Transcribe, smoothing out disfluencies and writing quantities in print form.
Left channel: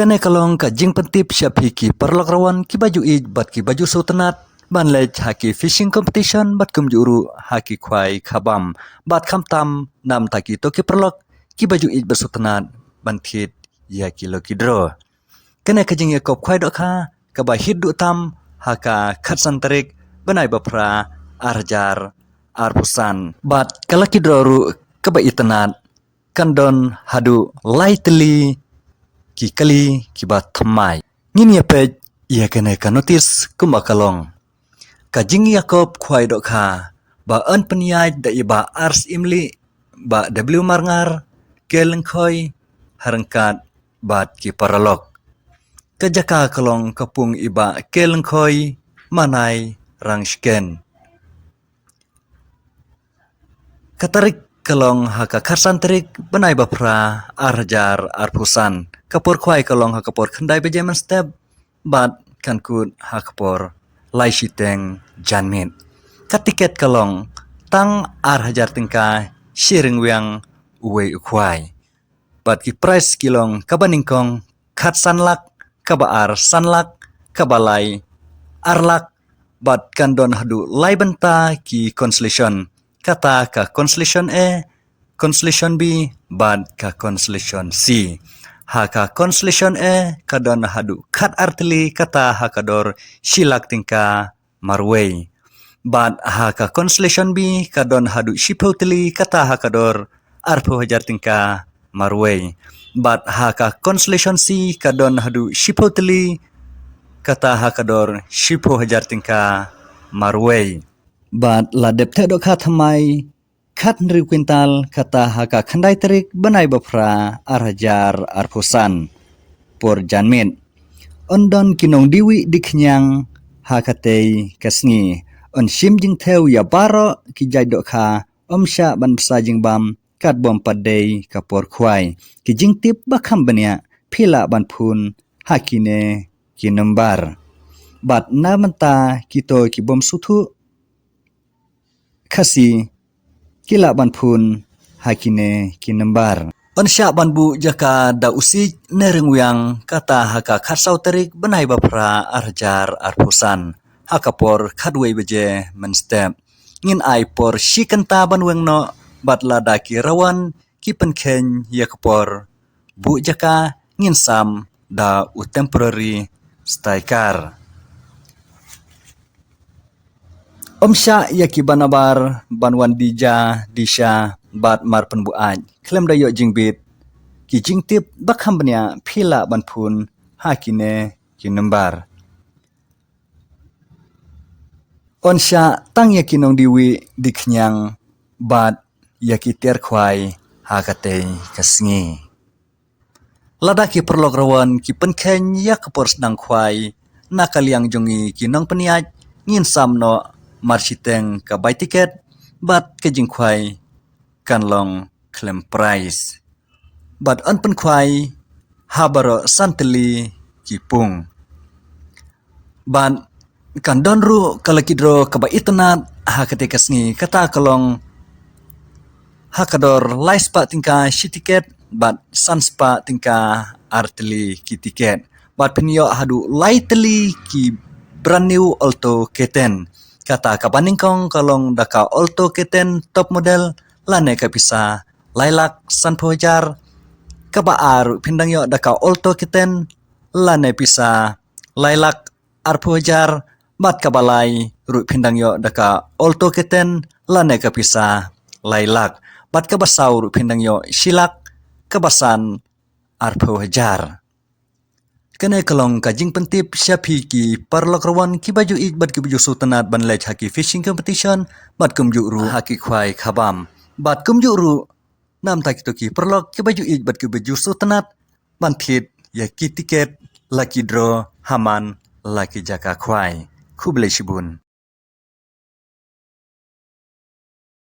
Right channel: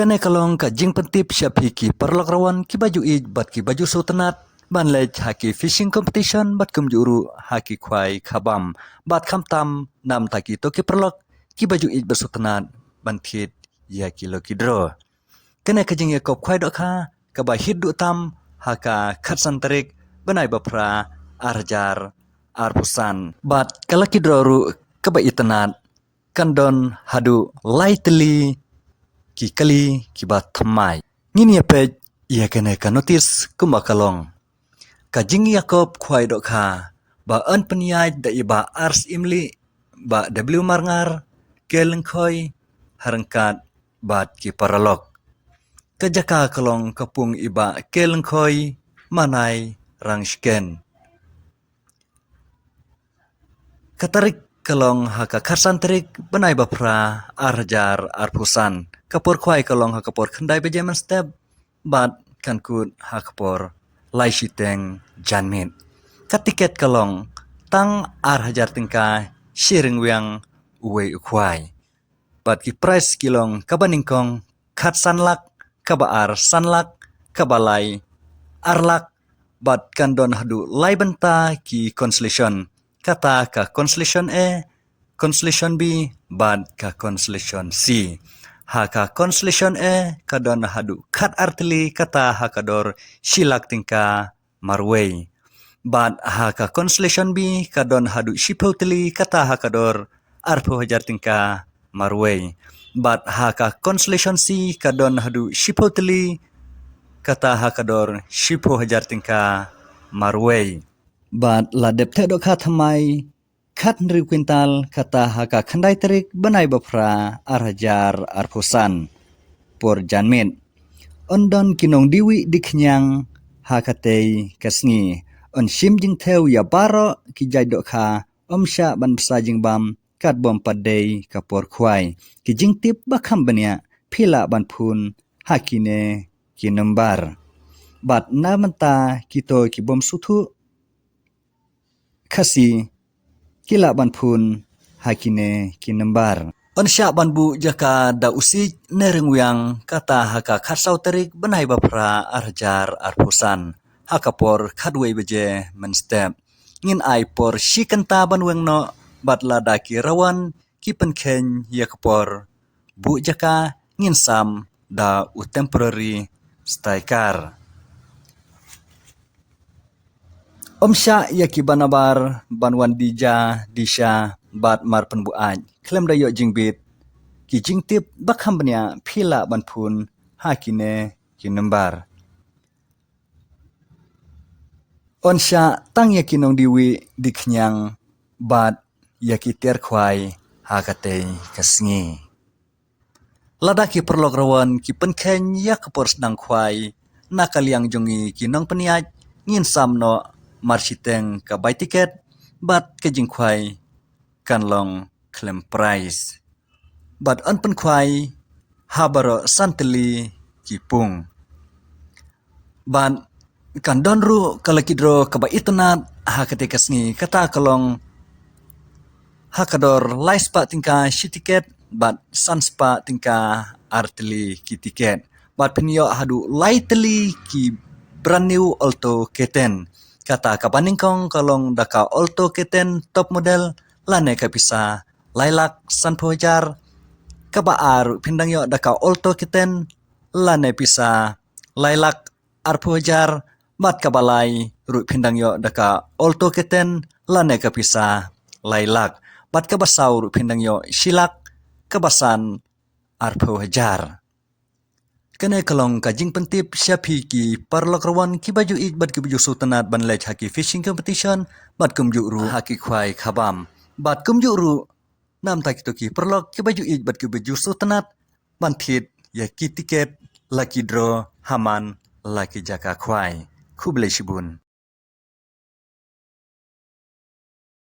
Kane kalong ka jing pentip siapi ki perlok rawan ki baju ij bat ki baju sultanat ban lej haki fishing competition bat kum juru haki kwai khabam bat kham tam nam taki to ki perlok ki baju ij bersultanat ban thit ya ki lo ki dro. Kane ka jing yakop kwai dok ha ka ba hit du tam haka khatsan tarik banai bapra arjar arpusan bat kalaki dro ru ka ba itanat kandon hadu lightly ki kali ki ba thamai ngin ya pej ia kene ka notice kumakalong ka jing yakob khwai dok kha ba an peniai da iba ars imli ba w marngar keleng khoi harangkat bat ki paralok ka jaka kalong kapung iba keleng khoi manai rangsken katarik kalong haka kharsan tarik banai bapra arjar arpusan kapur khwai kalong hakapor khandai bejeman step bat kankut hakapor lai shiteng janmit katiket kalong tang hajar tingka shiring wiang uwe ukhwai bat ki price kilong kabaningkong khat sanlak kabaar sanlak kabalai arlak bat kandon hadu lai benta ki constellation kata ka constellation A constellation B bat ka constellation C haka constellation A kadon hadu khat artli kata hakador shilak tingka marway bat haka constellation B kadon hadu shipotli kata hakador arpo hajar tingka marway bat haka constellation C kadon hadu shipotli kata hakador shipo hajar tingka marway bat la depte dok khatmai khat nri kwintal kata haka khandai tarik banai bapra arhajar arpusan por janmin ondon kinong diwi diknyang hakatei kasngi on shim jing theu ya baro ki jai dok kha omsha ban sa jing bam kat bom padei kapor khwai ki jing tip bakham bania phila ban phun hakine ki number bat namanta kito ki bom suthu khasi kila ban phun hakine ki number onsha banbu jaka da usik nereng wiang kata haka kharsau tarik banai bapra arjar arpusan hakapor khadwei beje men step ngin ai por shikanta banweng no batla daki rawan ki penkhen yakapor bu jaka ngin sam da u temporary striker omsha yaki banabar banwan dija disha bat mar penbuaj klem dayo jingbit ki jingtip bakham bania phila banphun hakine ki number onsha tang yaki nong diwi diknyang bat yaki ter khwai hakate kasngi ladaki perlok rawan ki penkhen yakapor sedang khwai nakaliang jongi ki nong peniaj ngin samno marshiteng ka buy ticket bat ke jingkhwai kanlong claim price bat anpen khwai habaro santeli kipung ban kandon ru kalakidro kaba itnat hakate kasngi kata kalong hakador laispa tingka shitiket bat sanspa tingka arteli ki tiket bat pinyo hadu lightly ki brand new alto keten kata kabaningkong kalong daka alto keten top model lane kapisa lailak sanpojar kabaar pindang yo daka alto keten lane pisa lailak arpojar bat kabalai ru pindang yo daka alto keten lane kapisa lailak bat kabasau ru pindang yo shilak kabasan arpojar kene kalong kajing pentip syapi ki parlok rawan ki baju ij bat ki baju sultanat ban lej haki fishing competition bat kumju ru haki khwai khabam bat kumju ru nam tak to ki parlok ki baju ij bat ki baju sultanat ban thit ya ki tiket lucky draw haman lucky jaka khwai khuble shibun